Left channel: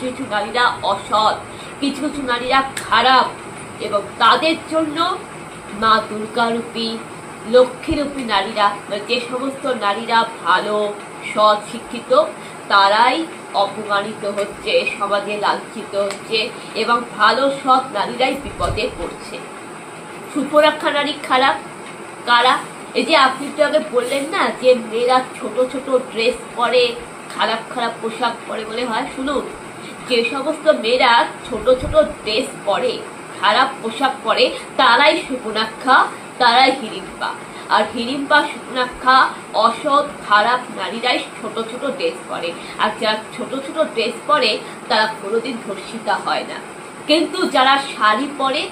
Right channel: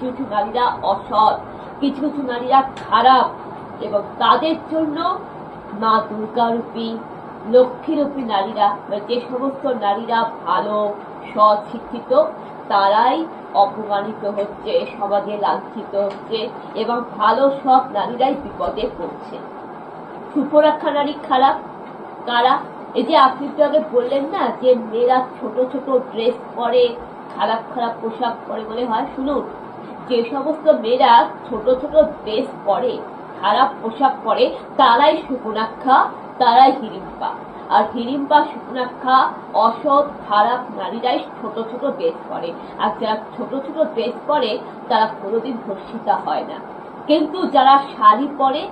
কিছু কিছু নারীরা অসৎ, কিছু কিছু নারীরা খারাপ, এবং তাদের জন্য মা দুর্গারূপী লক্ষ্মীরূপী নারীরা, যে সমস্ত নারীরা ভালো সৎ শিক্ষিত তারাই অপমানিত হচ্ছে, সমাজে লাঞ্ছিত হচ্ছে, এবং ভালো সৎ নারীরাই বিপদে পড়ছে। সুপরাক্ষা নারী খারাপ কারা? এই যে আপনি তো আগে বললেন না যে মেয়েরা ছোট ছোট ড্রেস পরে, খারাপ খারাপ পোশাক পরে বলে হয়। শুনুন, যে সমস্ত মেয়েরা ছোট ছোট ড্রেস পরে, খারাপ পোশাক পরে, তারাই সুপর্ণাক্ষা, তারাই হিড়িম্পা। আর হিড়িম্পা, সুপর্ণাক্ষা অসৎ খারাপ নারীরাই ছোট ছোট ড্রেস পরে। আর যারা ছোট ছোট ড্রেস পরে তারা কোনোদিন ধর্ষিতা হয় না। কিন্তু যারা শাড়ি পরে,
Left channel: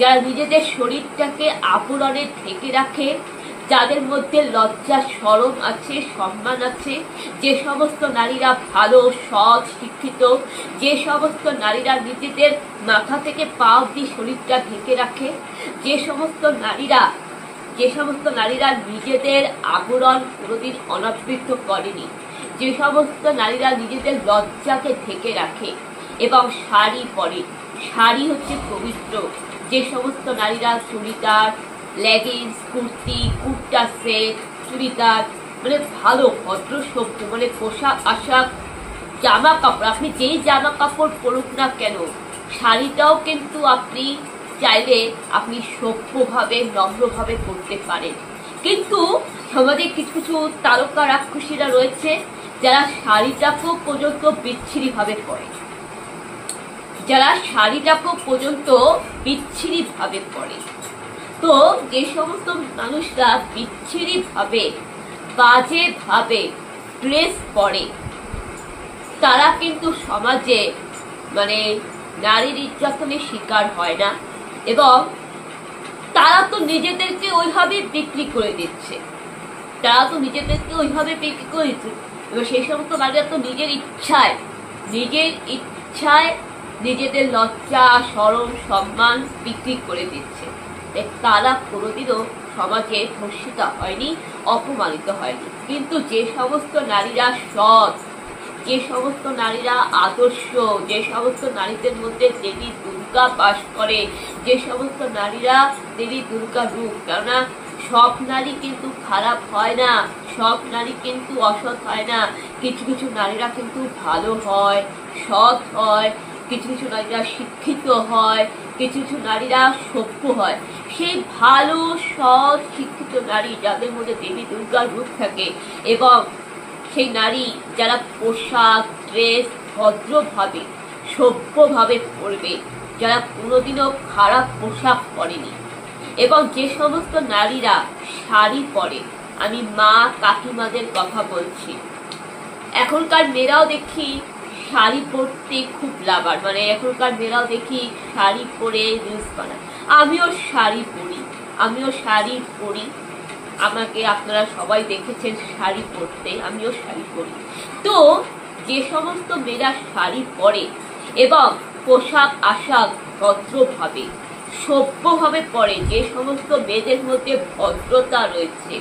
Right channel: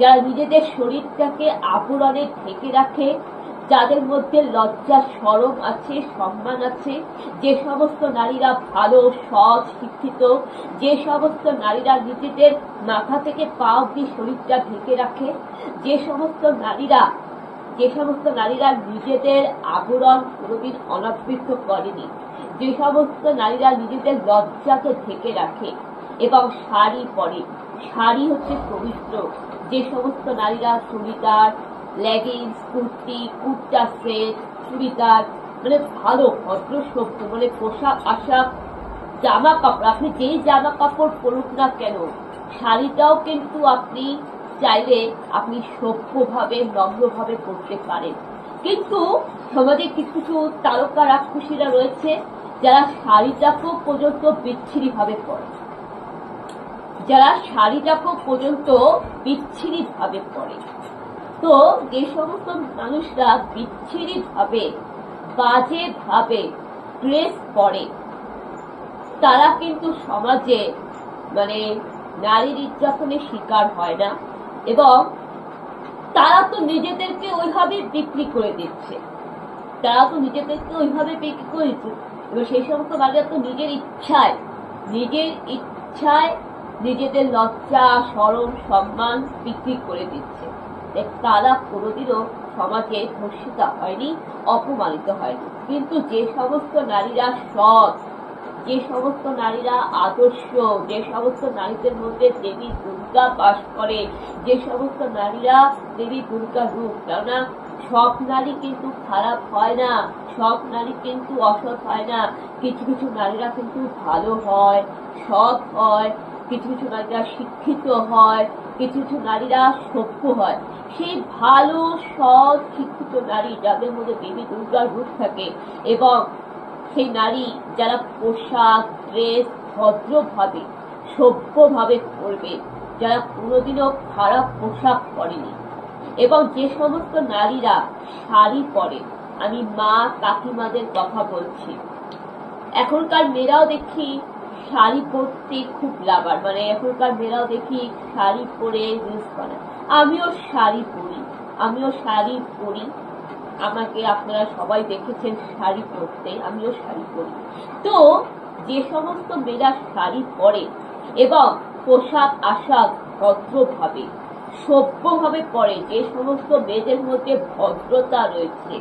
যারা নিজেদের শরীরটাকে আবরণে ঢেকে রাখে, যাদের মধ্যে লজ্জা শরম আছে, সম্মান আছে, যে সমস্ত নারীরা ভালো সৎ শিক্ষিত, যে সমস্ত নারীরা নিজেদের মাথা থেকে পা অবধি শরীরটা ঢেকে রাখে, যে সমস্ত নারীরা নিজেদের আবরণ কোনোদিন অনাবৃত করেনি, যে সমস্ত নারীরা নিজেদের লজ্জাকে ঢেকে রাখে এবং শাড়ি পরে, শাড়ি হচ্ছে পবিত্র, যে সমস্ত নারীরা চুড়িদার, লেগিংস, কুর্তি, কুর্তা সেট, চুড়িদার, মানে ভালো ভদ্র সভ্য, মানে পোশাক আশাক, জামা কাপড়, আপনি যেই জামা কাপড় পরুক না কেন, শাড়িটাও কিন্তু আপনি চাইলে আপনি সভ্যভাবে নম্রভাবে পরতে পারেন। কিন্তু সমাজে কিছু কিছু তারকা রাক্ষসীরা রয়েছে যারা শাড়িটাকেও পর্যন্ত বিচ্ছিরিভাবে পরে, যারা শাড়িটাকেও পর্যন্ত বিচ্ছিরিভাবে পরে। তো যে সমস্ত মানুষরা বিচ্ছিরিভাবে বাজেভাবে ড্রেস পরে তারা কিন্তু সমাজে মানে নারী নির্যাতনের শিকার হয় না, এবং তারা তো নিজেদেরকে ওইভাবে বিক্রি করে দিচ্ছে, এবার সেই সমস্ত নারীরা তো নিজের ইচ্ছায় নিজেদের লজ্জা শরম সম্মান বিক্রি করে দিচ্ছে। তারা কোনোদিনও সমাজে ধর্ষিতা হয়নি, অপমানিত হয়নি। কিন্তু যে সমস্ত নারীরা সৎ, যে সমস্ত নারীরা আদর্শ, যে সমস্ত নারীদের মধ্যে দেবী দুর্গা বাস করে, যে সমস্ত নারীরা দেবী দুর্গা রূপ, কেননা সব নারী কিন্তু খারাপ হয় না, সব নারী কিন্তু অসৎ হয় না, কিছু কিছু নারীরা কিন্তু ভালো হয়, সৎ হয়, কিছু কিছু নারীরা শিক্ষিত হয়, কিছু কিছু নারীরা সভ্য হয়। সেই ভালো সৎ শিক্ষিত নারী যাদের মধ্যে দেবী দুর্গার রূপ থাকে, এবং সেই নারী যারা পোশাক ড্রেস ভদ্রভাবে সভ্যভাবে পরবে, যারা কোনোদিনও খারাপ পোশাক পরেনি, এবং যে সমস্ত নারীরা শাড়ি পরে, আমি মা কাকিমাদের কথা বলছি, এখনকার মেয়েরাও দেখি শাড়ি পরতে খুব লাভার, মানে এখনকার মেয়েরাও দেখি শাড়ি পরে রিলস বানায়। আমিও শাড়ি পরি, আমাকে আপনারা সবাই দেখেছেন শাড়ি পরতে, আমিও শাড়ি পরি। তো যে সমস্ত মেয়েরা শাড়ি পরে এবং পোশাক আশাক ভদ্রভাবে সভ্যভাবে পরে, যে সমস্ত মেয়েদের মধ্যে ভদ্রতা রয়েছে,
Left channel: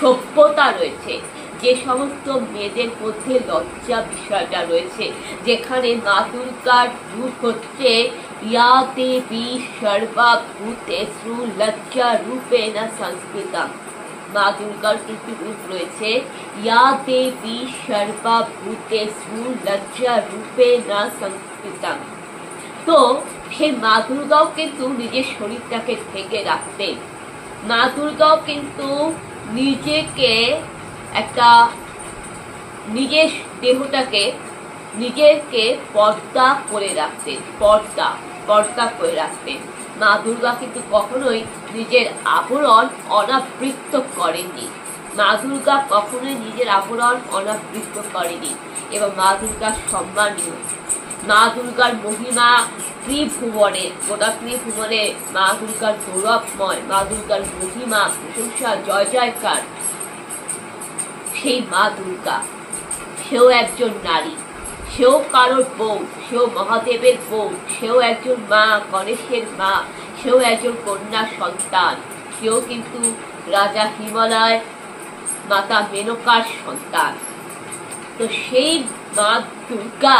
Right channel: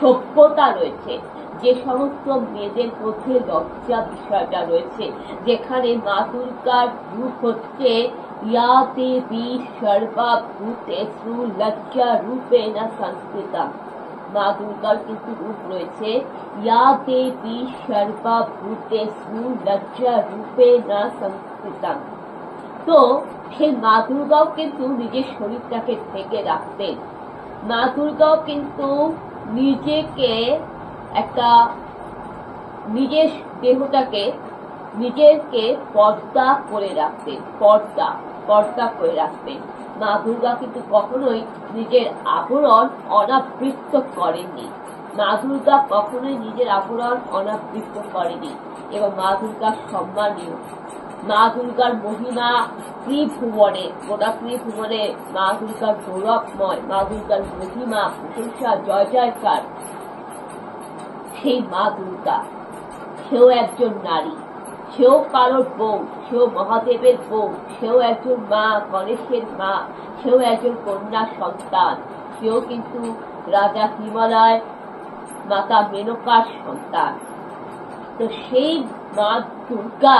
সভ্যতা রয়েছে, যে সমস্ত মেয়েদের মধ্যে লজ্জা বিষয়টা রয়েছে, যেখানে মা দুর্গার রূপ হচ্ছে ইয়া দেবী সর্বভূতেষু লজ্জা রূপেণ সংস্কৃতা, মা দুর্গার কিন্তু রূপ রয়েছে ইয়া দেবী সর্বভূতেষু লজ্জা রূপেণ সংস্কৃতা। তো সেই মা দুর্গাও কিন্তু নিজের শরীরটাকে ঢেকে রাখতেন, মা দুর্গাও কিন্তু নিজেকে নিজের দেহটাকে নিজেকে পর্দা করে রাখতেন, পর্দা করে রাখতেন। মা দুর্গা কিন্তু কখনোই নিজের আবরণ অনাবৃত করেননি, মা দুর্গা কখনোই নিজের আবরণ অনাবৃত করেনি, এবং মা দুর্গার সম্মানীয়, মা দুর্গার মহিমা ত্রিভুবনে, গোটা ত্রিভুবনে মা দুর্গার গৌরবময়, মা দুর্গার মহিমা প্রশংসা জয় জয়কার। সেই মা দুর্গা, সেও একজন নারী, সেও কারোর বউ, সেও মহাদেবের বউ, সেও একজন মা, গণেশের মা, সেও একজন কন্যা সন্তান, সেও কিন্তু রাজা হিমালয় মাতা মেনকার সন্তান। তো সেই মা দুর্গা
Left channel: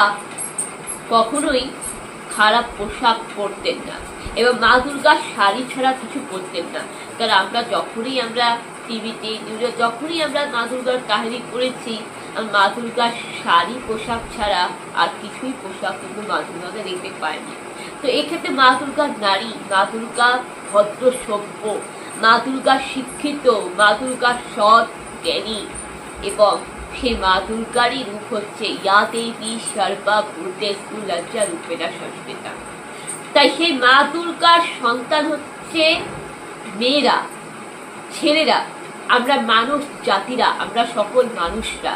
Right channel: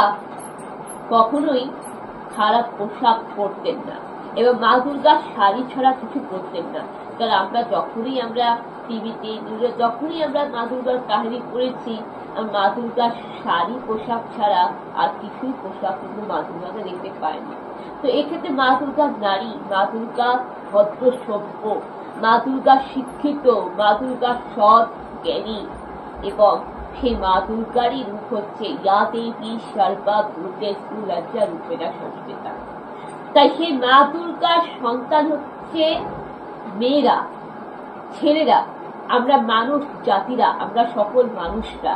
কখনোই খারাপ পোশাক পরতেন না এবং মা দুর্গা শাড়ি ছাড়া কিছু পরতেন না। কারণ আমরা টিভিতে নিউজে যখনই আমরা মা দুর্গার কাহিনী পড়েছি, মা দুর্গার শাড়ি পোশাক ছাড়া আর কিছুই পোশাক কিন্তু মা দুর্গাকে দেখতে পায়নি। তো এক্ষেত্রে মা দুর্গার নারী, মা দুর্গা ভদ্র সভ্য, মা দুর্গা শিক্ষিত, মা দুর্গা সৎ জ্ঞানী এবং সেই মা দুর্গারই রূপ হচ্ছে ইয়া দেবী সর্বা ভূতেষু লজ্জা রূপেণা সংস্কৃতা। তাই সেই মা দুর্গার সন্তান হচ্ছে মেয়েরা, ছেলেরা, আমরা মানুষ জাতিরা, আমরা সকল মানুষরা।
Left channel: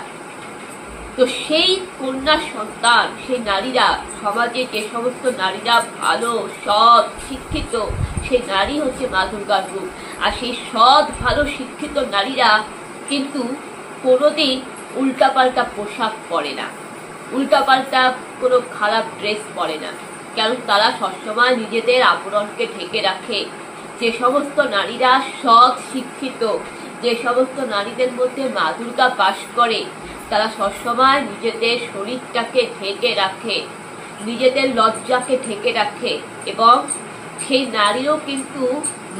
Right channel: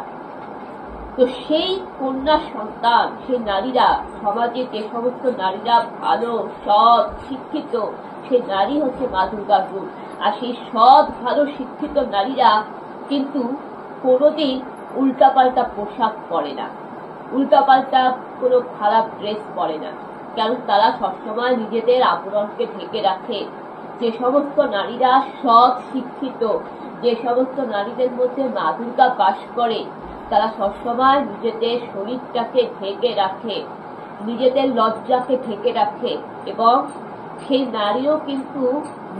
তো সেই কন্যা সন্তান, সেই নারীরা, সমাজে যে সমস্ত নারীরা ভালো সৎ শিক্ষিত, সেই নারী হচ্ছে মা দুর্গার রূপ। আর সেই সৎ ভালো শিক্ষিত নারীরা কিন্তু কোনোদিন উল্টাপাল্টা পোশাক পরে না, উল্টাপাল্টা কোনো খারাপ ড্রেস পরে না, কারণ তারা সবসময় নিজেদের আবরণকে ঢেকে রাখে। যে সমস্ত নারীরা সৎ শিক্ষিত, যে সমস্ত নারীদের মধ্যে মা দুর্গা বাস করে, তারা সবসময় নিজেদের শরীরটাকে ঢেকে রাখে, নিজেদের লজ্জাকে ঢেকে রাখে এবং সেই নারীও কিন্তু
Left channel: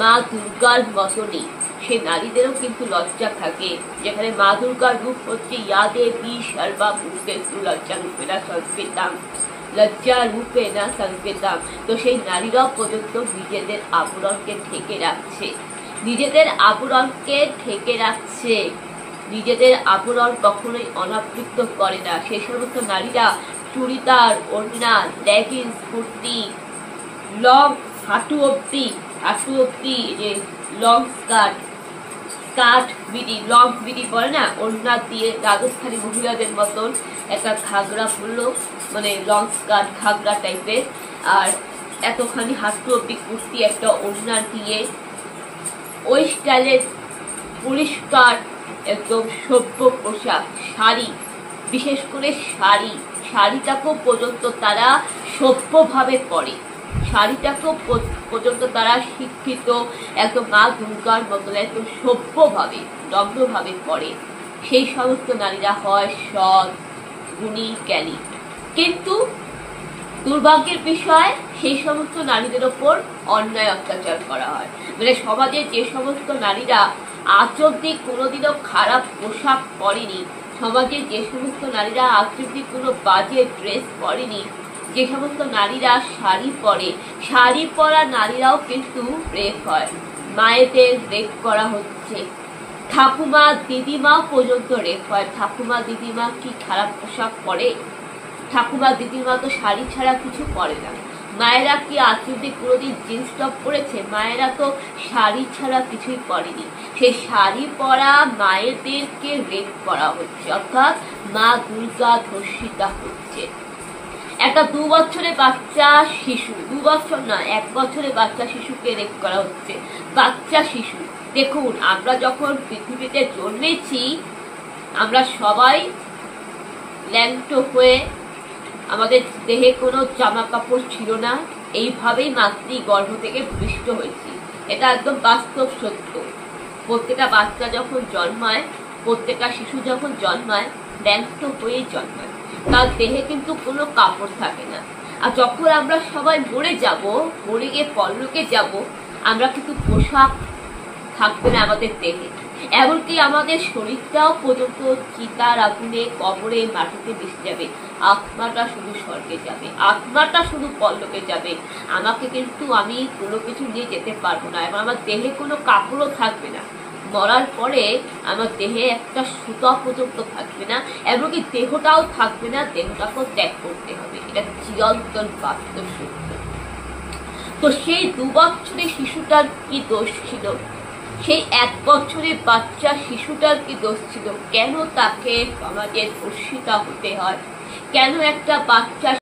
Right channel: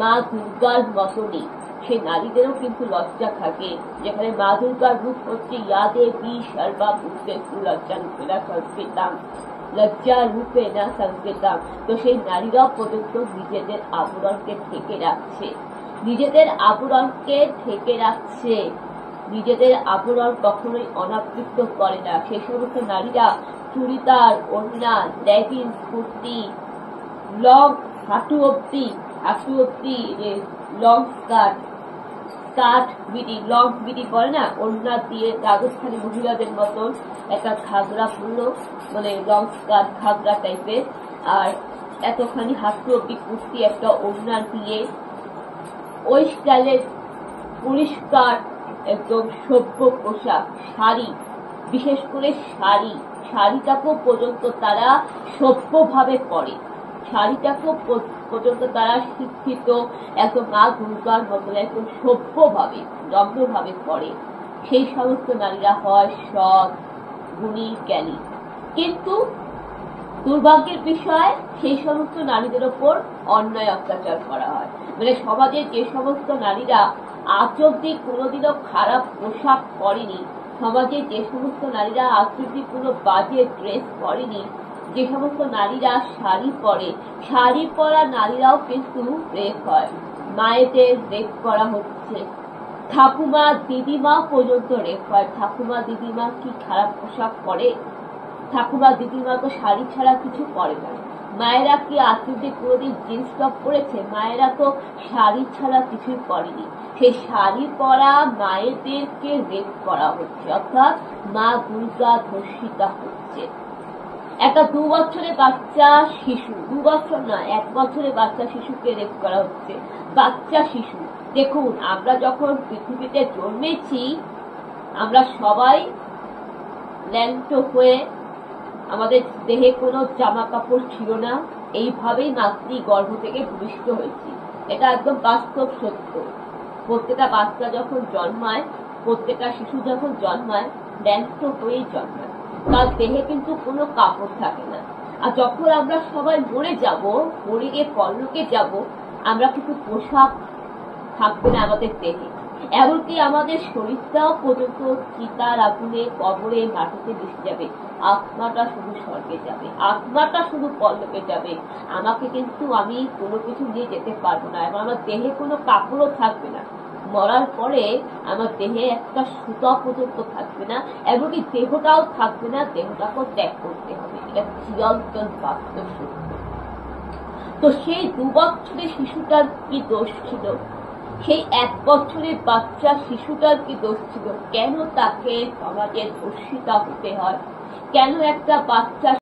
মা দুর্গার মতনই, সেই নারীদেরও কিন্তু লজ্জা থাকে। যেখানে মা দুর্গার রূপ হচ্ছে ইয়া দেবী সর্বা ভূতেষু লজ্জা রূপেণা সংস্কৃতাম, লজ্জা রূপেণা সংস্কৃতাম। তো সেই নারীরাও পর্যন্ত নিজেদের আবরণকে ঢেকে রাখছে, নিজেদের আবরণকে ঢেকে রাখছে, নিজেদের আবরণ কখনোই অনাবৃত করে না। সেই সমস্ত নারীরা চুড়িদার, ওড়না, লেগিংস, কুর্তি, লং হাঁটু অব্দি যে long skirt BD, long BD বলে না, ওড়না দিয়ে রাজস্থানী মহিলাদের মতন একটা ঘাগরা পরলো, মানে লং স্কার্ট ঘাগরা টাইপের, আর এতখানি হাঁটু অব্দি কুর্তি একটা ওড়না দিয়ে ওই স্টাইলের পরিষ্কার একদম সভ্য পোশাক, শাড়ি, বিশেষ করে শাড়িটাকেও পর্যন্ত তারা সভ্যভাবে পরে, শাড়িটাকেও পর্যন্ত তারা শিক্ষিত একদম মা দুর্গার মতন একদম সভ্যভাবে নম্রভাবে পরে। সেই সমস্ত নারীরা হয় সৎ গুণী জ্ঞানী। কিন্তু দুর্ভাগ্যের বিষয়, সেই সমস্ত নারীদের ওপর অন্যায় অত্যাচার করা হয়। মানে সমাজে যে সমস্ত নারীরা আজ অব্দি কোনোদিনও খারাপ পোশাক পরেনি, সমাজে যে সমস্ত নারীরা আজ অব্দি কোনো বাজে ড্রেস পরেনি, যে সমস্ত নারীরা শাড়ি পরে, শাড়ি পরা নারীরাও কিন্তু রেপ হয়, মায়েদের রেপ করা হচ্ছে, ঠাকুমা দিদিমাও পর্যন্ত রেপ হয়। ঠাকুমা দিদিমা কি খারাপ পোশাক পরে? ঠাকুমা দিদিমা তো শাড়ি ছাড়া কিছু পরে না। মায়েরা কি আজ অব্দি কোনোদিন জিন্স টপ পরেছে? মায়েরা তো শাড়ি ছাড়া কিছুই পরেনি। সেই শাড়ি পরা মায়েদেরকে রেপ করা হচ্ছে, অর্থাৎ মা দুর্গা ধর্ষিতা হচ্ছে। একটা 2 বছরের বাচ্চা শিশু, 2 বছর না 1 বছরের বাচ্চা শিশুকে রেপ করা হচ্ছে, বাচ্চা শিশু। দেখুন, আমরা যখন পৃথিবীতে জন্মেছি, আমরা সবাই ল্যাংটো হয়ে, আমাদের দেহে কোনো জামা কাপড় ছিল না, এইভাবেই মাতৃগর্ভ থেকে ভূমিষ্ঠ হয়েছি। এটা একদম বাস্তব সত্য। প্রত্যেকটা বাচ্চা যখন জন্মায়, প্রত্যেকটা শিশু যখন জন্মায়, ল্যাংটো হয়েই জন্মায়, তার দেহে কিন্তু কোনো কাপড় থাকে না। আর যখন আমরা সবাই মরে গিয়ে পরলোকে যাব, আমরা কিন্তু পোশাক থাকবে না আমাদের দেহে, এমনকি আমাদের শরীরটাও পর্যন্ত চিতার আগুনে কবরে মাটিতে মিশে যাবে। আত্মাটা শুধু স্বর্গে যাবে, আত্মাটা শুধু পরলোকে যাবে। আমি কোনো কিছু নিয়ে যেতে পারবো না, এবং আমার দেহে কোনো কাপড়ও থাকবে না। মরার পরে আমার দেহে একটা সুতা পর্যন্ত থাকবে না, এমনকি দেহটাও থাকবে না, দেহটাকেও ত্যাগ করতে হবে। এটা চিরন্তন বাস্তব সত্য। তো সেই 2 বছরের শিশুটার কি দোষ ছিল? সেই 1 বছরের বাচ্চা শিশুটার কি দোষ ছিল? কেন তাকে সমাজে ধর্ষিতা হতে হয়? কেন একটা বাচ্চা